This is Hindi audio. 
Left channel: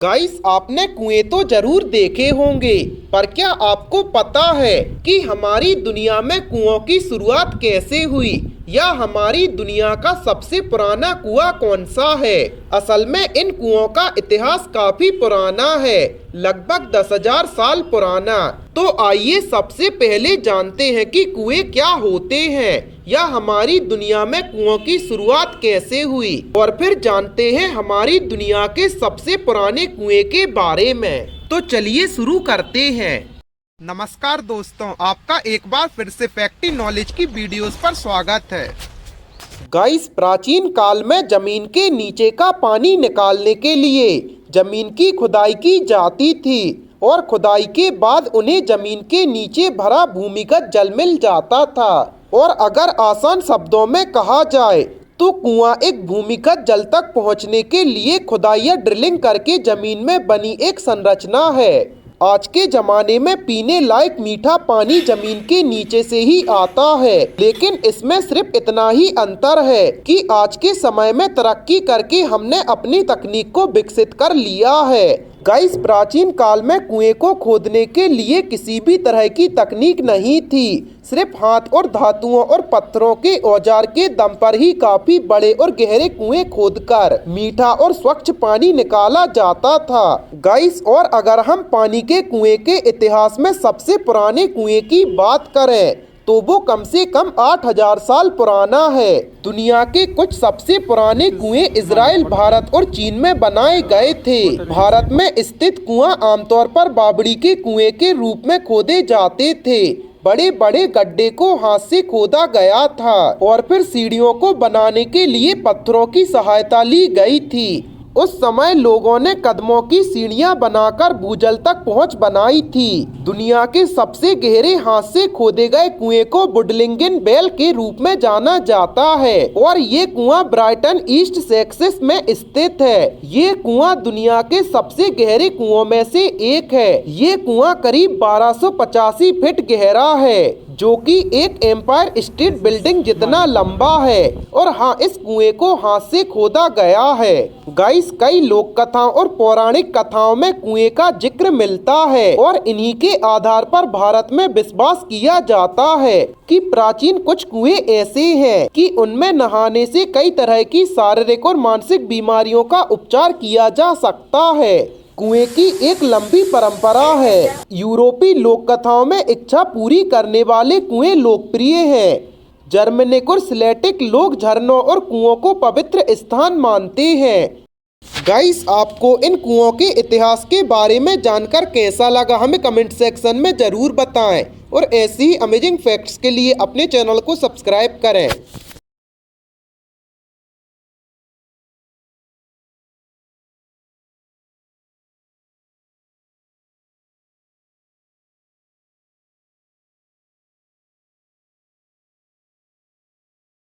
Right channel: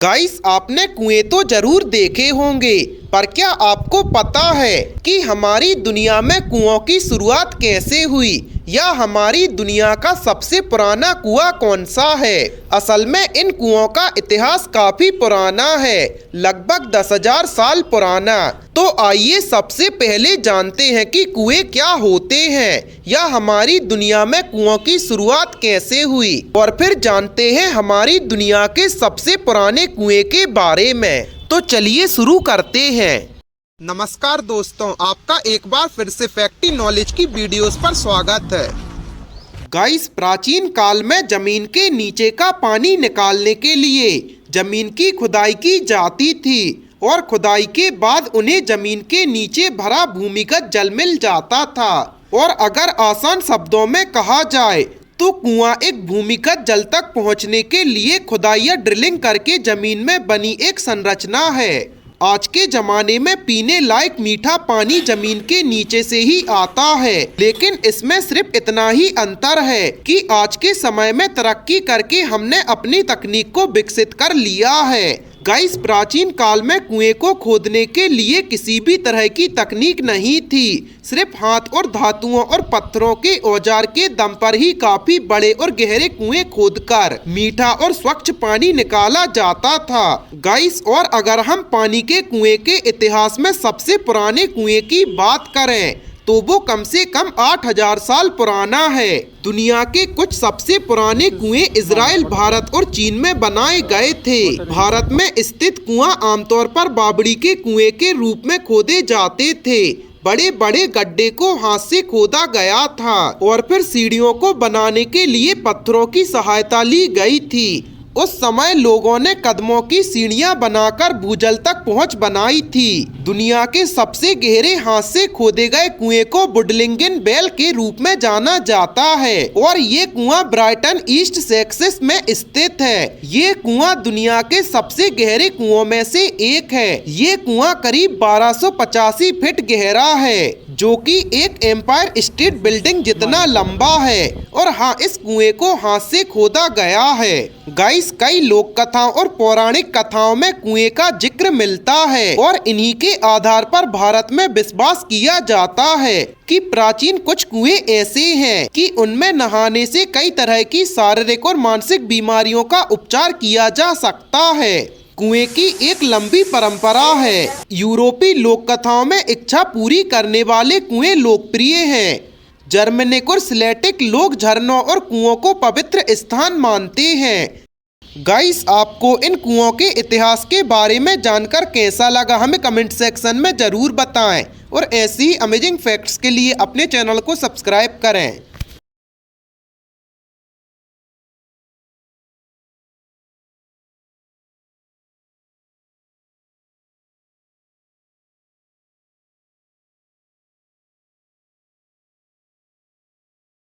गाइस, आपने कुएं तो जरूर देखे होंगे, पर क्या आपको पता है कि हमारी दुनिया में कुओं की शुरुआत कैसे हुई या हमारी दुनिया का सबसे पुराना कुआं कौन सा है। असल में इन कुओं का इतिहास काफी पुराना है, लगभग 10,000 साल पुराना। तो आइए सबसे पहले जानते हैं कि कुएं क्या होते हैं या हमारी दुनिया में कुओं की शुरुआत कैसे हुई, और फिर जानते हैं हमारी दुनिया के सबसे पुराने कुएं के बारे में। तो चलिए शुरू करते हैं। नमस्कार दोस्तों, आपका एक बार फिर से फैक्टी नॉलेज की वीडियोस पर स्वागत है। गाइस, प्राचीन काल में जमीन के नीचे का पानी निकालने के लिए जमीन की खुदाई की जाती थी, और खुदाई के बाद उन्हें जमीन के नीचे भरा भूमिगत जल मिल जाता था। और अगर आसान शब्दों में कहा जाए तो कुआं एक भूमिगत जल तक पहुंचने के लिए खुदाई या ड्रिलिंग करके जमीन में बनी एक संरचना है। आज के जमाने में पीने लायक मीठा पानी जमीन के नीचे से ही आता है, लेकिन इसमें सिर्फ इतना ही अंतर है कि आज के समय में तरक्की करके हमने अपनी तकनीक को विकसित कर लिया है। गाइस, प्राचीन काल में कुएं को खोदने के लिए किसी भी तरह की तकनीक नहीं थी। सिर्फ हाथ और धातुओं और पत्थरों के औजार के दम पर ही काफी बड़े और गहरे कुएं खोदकर मीठा और स्वच्छ पानी निकाला जाता था। गाइस, और अगर हम पानी के कुएं के इतिहास में सबसे पुराने कुएं की बात करें तो वो कम से कम 8,000 साल पुराना है। दुनिया के कुछ सबसे पुराने कुएं इजराइल, भारत और चीन में बनाए गए थे। भारत में स्थित कुआं आमतौर पर बावड़ी के कुएं के रूप में खोदे जाते थे। बड़े बड़े गड्ढे को हाथ से खोदा गया था और फिर सीढ़ियों को बनाने के लिए पत्थरों की सहायता ली गई थी। उस समय लोगों ने कदमों की सीढ़ियां बनाकर भूजल तक पहुंच बनाई थी। दुनिया के सबसे गहरे हाथ से खोदे गए कुएं को वुडलिंगन वेल के रूप में जाना जाता है, और ये कुआं ब्राइटन, ईस्ट सेक्सेस में स्थित है। ये कुआं दुनिया के सबसे गहरे कुओं में से एक है। ये कुआं करीब 1285 फीट गहरा है, जो कि एक एम्पायर स्टेट बिल्डिंग जितना लंबा है। और हाँ, इस कुएं को हाथ से खोदा गया है। गाइस, कई लोक कथाओं और पौराणिक कथाओं में कुएं का जिक्र मिलता है, और इन्हीं के आधार पर भारत में विश्वास किया जाता है कि प्राचीन कुछ कुएं ऐसे हैं कि उनमें नहाने से कई तरह की शारीरिक और मानसिक बीमारियों का उपचार किया जा सकता है। कुएं की एक लंबी परंपरा है। यूरोपीय लोक कथाओं में इच्छा पूरी करने वाले कुएं लोकप्रिय हैं। जर्मनिक और स्लेटिक लोग झरनों और कुओं को पवित्र स्थान मानते हैं। गाइस, आपको इन कुओं के इतिहास के बारे में जानकर कैसा लगा, हमें कमेंट सेक्शन में जरूर बताएं, और ऐसी ही अमेजिंग फैक्ट्स के लिए अपने चैनल को सब्सक्राइब करें।